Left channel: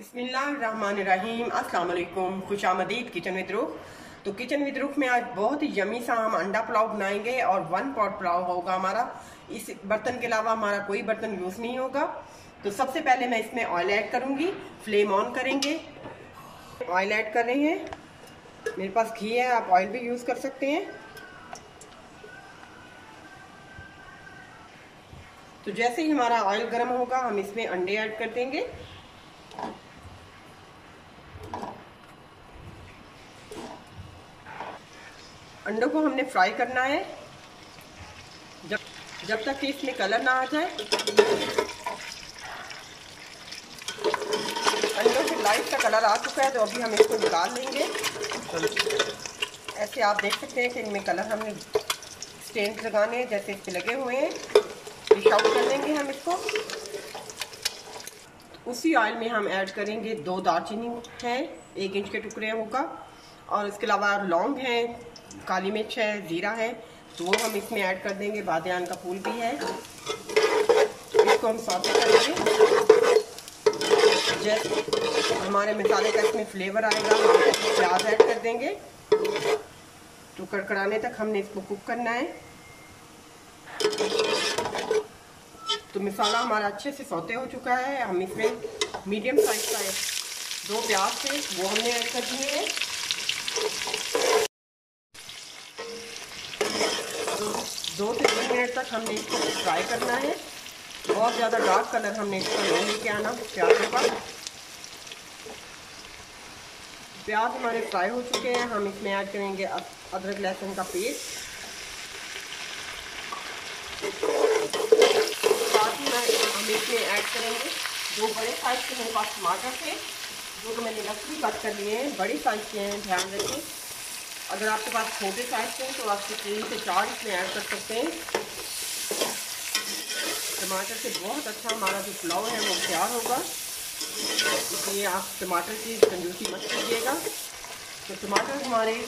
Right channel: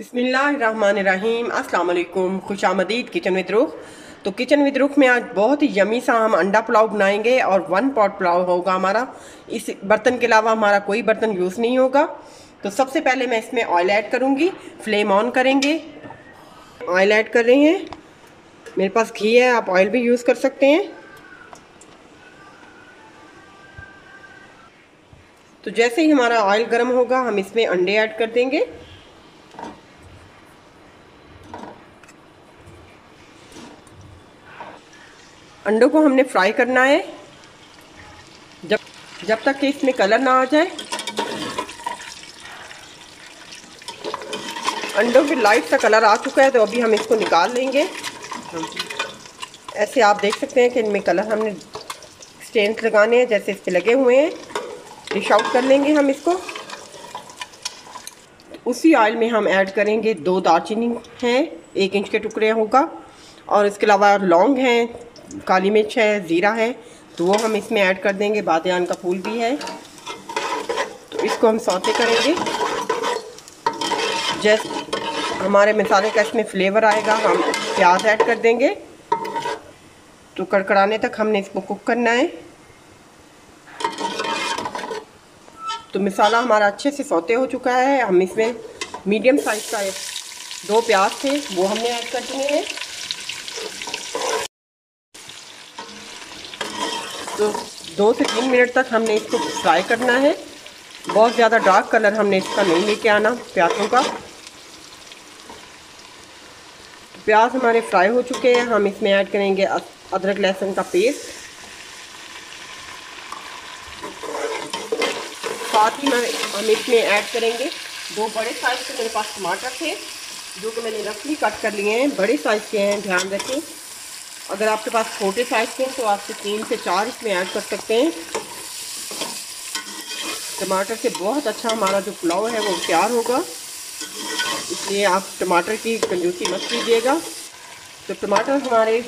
बिस्मिल्लाहिर्रहमानिर्रहीम। अस्सलाम वालेकुम। खुशामदीद किचन विद रुख। तो किचन विद रुख में आज बहुत ही यमी सा हम अंडा पुलाव बनाएंगे और 1 पॉट पुलाव होगा हमारा। इस बर्तन के अलावा हमारा कोई बर्तन यूज़ नहीं होगा। तो सबसे पहले मैं इसमें ऑयल ऐड करूँगी। फ्लेम ऑन करेंगे। ऑयल ऐड कर रहे हैं। मेरे पास घी है, आप ऑयल भी यूज़ कर सकते हैं। तो जैसे ही हमारा ऑयल गर्म होगा हम इसमें अंडे ऐड कर देंगे। अंडों को हमने फ्राई करना है जब तक कि इसमें कलर ना आ जाए। अंडों पे लाइट सा कलर आ चुका है तो अभी हम इसको निकाल लेंगे। ऐसे आप देख सकते हैं कि इनमें कलर हमने स्टेन्स लगाने हैं जैसे इस पे लगे हुए हैं। डिश आउट कर लेंगे हम इसको। उसी ऑयल में हम ऐड करेंगे 2 दालचीनी हैं, 1 इंच के टुकड़े होगा, और इसके अलावा लौंग है, काली मिर्च है, ज़ीरा है, तो वो हम इसमें ऐड कर देंगे। बादियान का फूल भी है। तो इसको हम सौते करेंगे। जैसे हमारे मसाले का इसमें फ्लेवर आएगा हम प्याज ऐड कर देंगे। तो कड़कड़ाने तक हमने इसको कुक करना है। तो मसाला हमारा अच्छे से सौते हो चुका है। हम इसमें मीडियम साइज का 2 प्याज थे वो हमने ऐड कर दिए हैं। तो 2 से 3 मिनट तक हमने इसको फ्राई करना है। बहुत ज़्यादा डार्क कलर हमने इसका नहीं लेके आना प्याज़ों का। प्याज हमारे फ्राई हो चुके हैं। हम इसमें ऐड करेंगे अदरक लहसुन का पेस्ट। साथ ही हम इसमें ऐड करेंगे 2 बड़े साइज के मेरे पास टमाटर थे जो कि मैंने रफली कट कर लिए हैं। बड़े साइज के हैं, ध्यान रखें। अगर आपके पास छोटे साइज के हैं तो आप 3 से 4 इसमें ऐड कर सकते हैं। टमाटर से बहुत अच्छा हमारा जो पुलाव है वो तैयार होगा, इसलिए आप टमाटर की कंजूसी मत कीजिएगा। तो टमाटर हमारे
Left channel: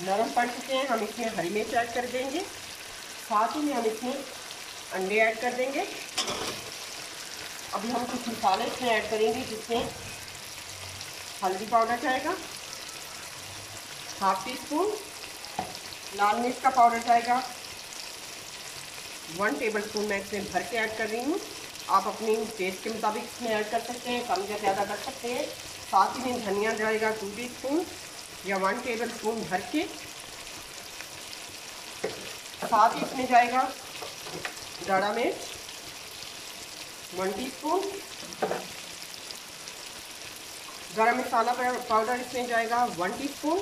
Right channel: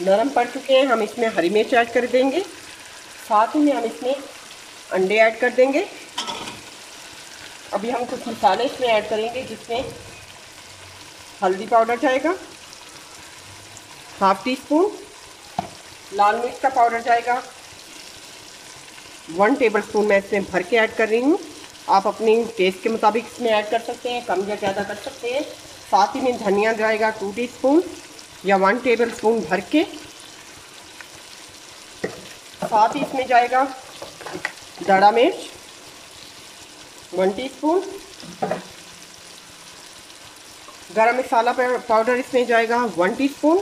नरम पड़ चुके हैं। हम इसमें हरी मिर्च ऐड कर देंगे। साथ ही में हम इसमें अंडे ऐड कर देंगे। अभी हम कुछ मसाले इसमें ऐड करेंगे जिसमें हल्दी पाउडर जाएगा, 1/2 टीस्पून लाल मिर्च का पाउडर जाएगा, 1 टेबलस्पून मैं इसमें भर के ऐड कर रही हूँ। आप अपनी टेस्ट के मुताबिक इसमें ऐड कर सकते हैं, कम या ज़्यादा कर सकते हैं। साथ ही में धनिया जाएगा 2 टीस्पून या 1 टेबलस्पून भर के। साथ ही इसमें जाएगा दाड़ा मिर्च 1 टीस्पून, गरम मसाला पाउडर इसमें जाएगा 1 टीस्पून।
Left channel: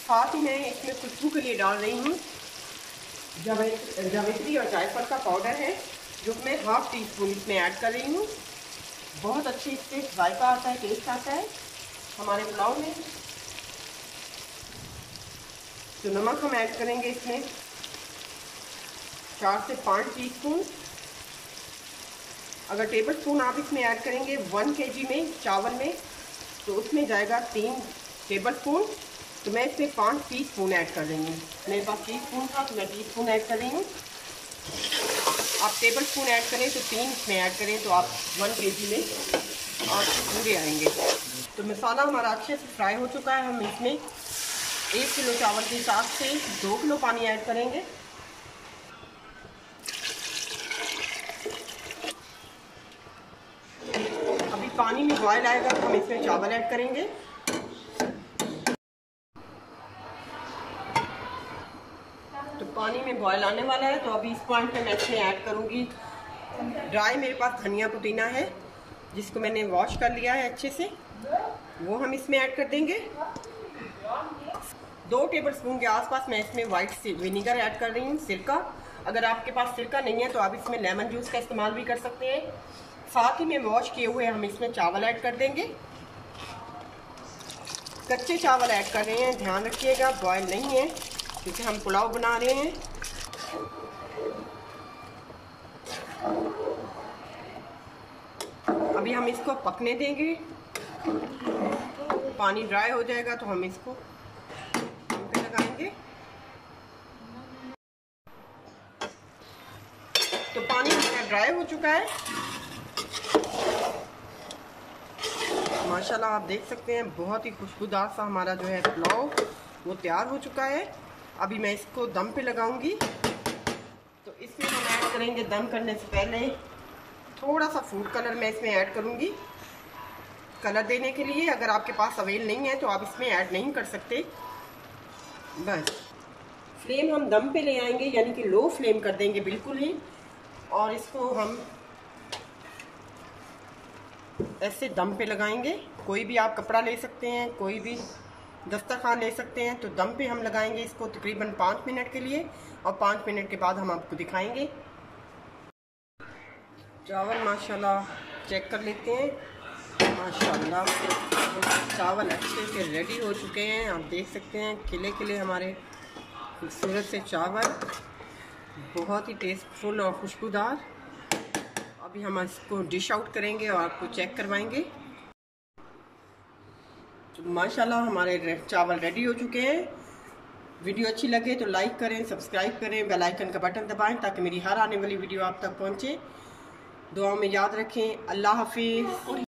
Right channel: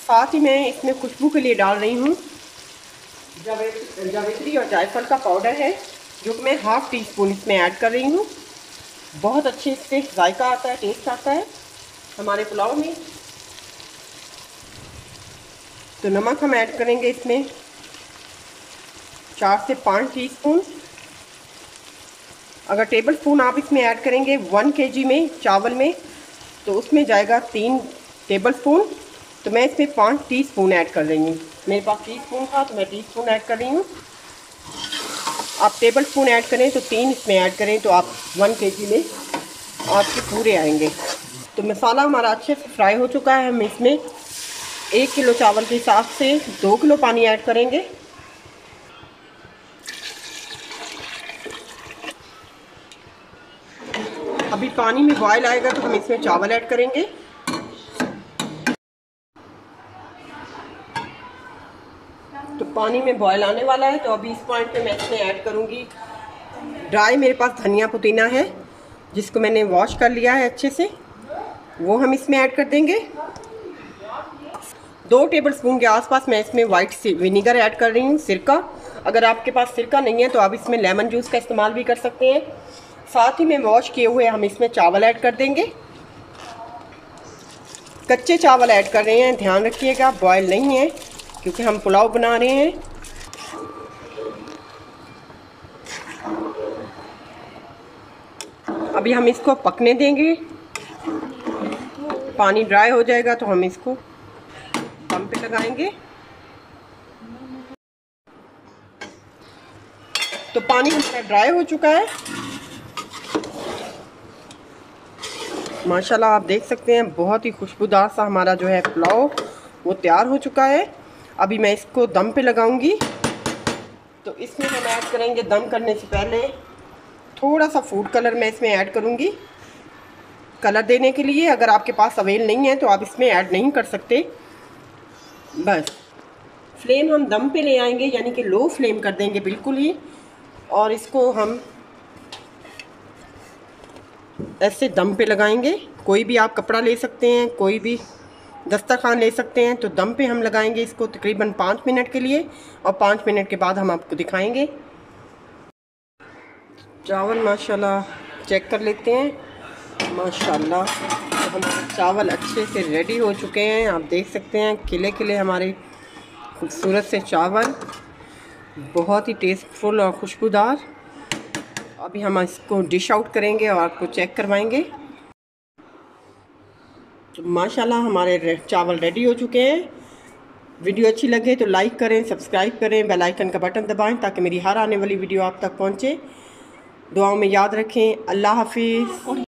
साथ ही मैं इसमें खुशबू के लिए डाल रही हूँ जावित्री और जायफल का पाउडर है जो मैं 1/2 टीस्पून इसमें ऐड कर रही हूँ। बहुत अच्छे इससे जायका आता है, टेस्ट आता है हमारे पुलाव में। तो नमक हम ऐड करेंगे इसमें 4 से 5 टीस्पून। अगर टेबल स्पून आप इसमें ऐड करेंगे 1 kg में चावल में तो उसमें जाएगा 3 टेबल स्पून। तो मैं इसमें 5 टीस्पून ऐड कर रही हूँ। मेरे पास टीस्पून था तो मैं टीस्पून ऐड कर रही हूँ। आप टेबल स्पून ऐड करें तो 3 इसमें ऐड करें तो आप 1 kg में आपके पूरे आएंगे। तो मसाला हमारा अच्छे से फ्राई हो चुका है। हम इसमें 1 किलो चावल के हिसाब से 2 किलो पानी ऐड करेंगे। अभी पानी में बॉयल आएगा तो हम इसमें चावल ऐड करेंगे। तो पानी में बॉयल आने वाला है तो अभी इस पॉइंट पे मैं इसमें ऐड करूँगी ड्राई, मेरे पास धनिया पुदीना है जिसको मैंने वॉश कर लिया है अच्छे से, वो हम इसमें ऐड कर देंगे। 2 टेबलस्पून के आसपास मैं इसमें वाइट विनीगर ऐड कर रही हूँ, सिरका। अगर आपके पास सिरका नहीं है तो आप इसमें लेमन जूस का इस्तेमाल भी कर सकते हैं। साथ ही में वॉश किए हुए हम इसमें चावल ऐड कर देंगे। कच्चे चावल ऐड कर रहे हैं, ध्यान रखिएगा बॉयल नहीं है क्योंकि हम पुलाव बना रहे हैं। अभी हम इसको पकने देंगे। पानी ड्राई हो जाएगा तो हम इसको दम पे लगाएंगे। तो पानी ड्राई हो चुका है। माशाल्लाह आप देख सकते हैं बहुत ही खुशबूदार सा हमारा जो है पुलाव वो तैयार हो चुका है। अभी मैं इसको दम पे लगाऊंगी। तो इसमें हम ऐड करेंगे दम करने से पहले थोड़ा सा फूड कलर मैं इसमें ऐड करूंगी कलर देने के लिए। अगर आपके पास अवेल नहीं है तो आप इसमें ऐड नहीं कर सकते। बस फ्लेम हम दम पे ले आएंगे, यानी कि लो फ्लेम कर देंगे बिल्कुल ही। और इसको हम ऐसे दम पे लगाएंगे। कोई भी आप कपड़ा ले सकते हैं, कोई भी दस्तरखान ले सकते हैं। तो दम पे हम लगाएंगे इसको तकरीबन 5 मिनट के लिए, और 5 मिनट के बाद हम आपको दिखाएंगे। चावल माशाल्लाह चेक कर लेते हैं। माशाल्लाह तो हमारे चावल अच्छे से रेडी हो चुके हैं। आप देख सकते हैं खिले खिले हमारे खूबसूरत से चावल, बहुत ही टेस्टफुल और खुशबूदार। अभी हम इसको डिश आउट करेंगे और आपको चेक करवाएंगे। तो माशाल्लाह हमारे चावल रेडी हो चुके हैं। वीडियो अच्छी लगे तो लाइक करें, सब्सक्राइब करें, बेल आइकन का बटन दबाएं ताकि मेरी हर आने वाली वीडियो आप तक पहुंचे। दुआओं में याद रखें। अल्लाह हाफिज़।